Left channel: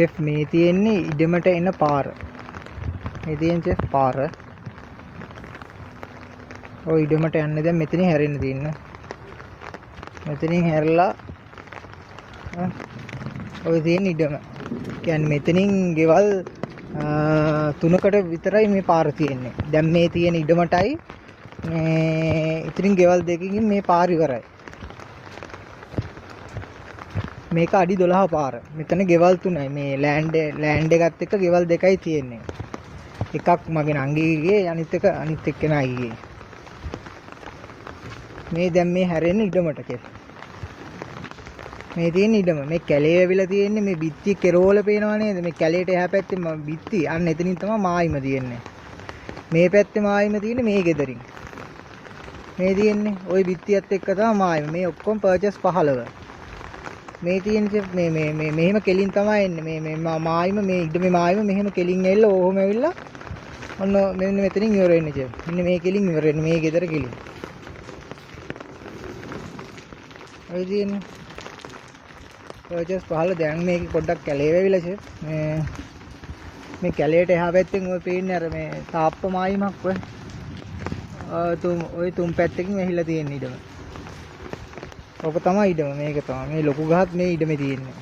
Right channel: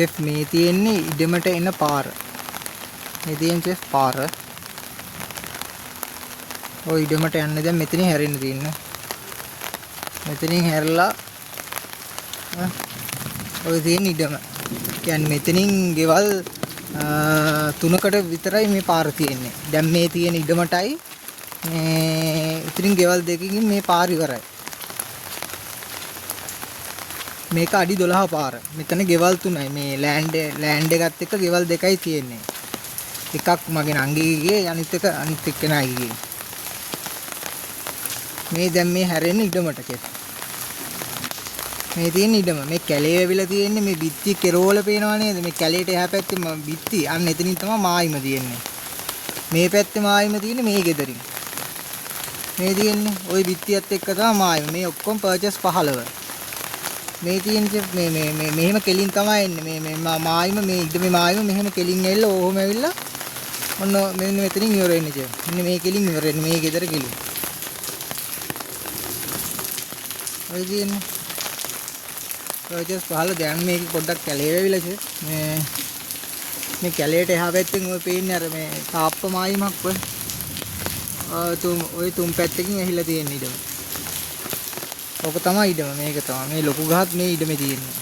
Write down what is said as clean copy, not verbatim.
Chef මේ තියෙන්නේ ඉඩමට එන පාර. මේ තියෙන චෙෆ් පාර. ඔය ඉඩමට යන්නේ දැන් මෙතනින් හැරෙන්න තියෙනවා. මෙතනින් හැරලා ඔය තියෙන ඉඩම. කියන්නේ මෙතනින් ගෙවල් තුනකට විතරයි මේ පාර තියෙන්නේ. දැන් මේ තියෙන ඉඩමටයි මේ ඉතින් ගෙවල් දෙකකින් මේ පාර ඉවරයි. මේක අඩි 12 පාර. මෙතන ගෙවල් තුනයි. මේ ලෑන්ඩ් එකත් එක්ක ගෙවල් දෙකයි තියෙන්නේ. එකක් මගේ නංගිගේ අනිත් එක්කෙනාගේ. මේ දැන් මේ හැරෙන්නේ ඉඩමට කියලා. මේ තියෙන ඉඩම මේ කැලේ ඇවිල්ලා තියෙන්නේ මේ බිත්ති කෙරෝල පේනවා නේද? මේ කැලේට එහා පැත්තේ බිත්ති අන්න එතනින් තමයි මායිම තියෙන්නේ. මේ පැත්තේ මායිම තියෙන්නේ මේ ගෙදරින්. මේ තියෙන්නේ ওই බිත්තියත් එක්ක තමයි මායිම. මේ ඔක්කොම පර්චේස් 15. මේ තියෙන්නේ මේ මෙහෙම කෙලින් තමයි එන්නේ. මේ මායිම මේ ඉඩමේ මායිම මෙහෙම කෙලින් ඇවිල්ලා ඕහොම ඇවිල්ලා ඔන්න මෙන්න මෙතනින් ඉවර වෙන්නේ කියන්නේ. මෙන්න මේ කෙලින් ඉවර වෙන්නේ මේ ගෙදර කෙලින්. ඔය තියෙන්නේ පර්චේස් 15 දැන් මේක පොඩ්ඩක් කැලේ වෙවිලා છે. මේ කැලේට එහා පැත්තෙන් ඔය පේන්නේ අර මේ තාප්ප මායිමක් ඔය. ඔය තුන් පැත්තකින් ඇහිලා තියෙන ඉඩම. ඔක තමයි ඉඩම මේක තමයි. මේ ලොකු ගහක් මේ ඉඩමේ තියෙන්නේ.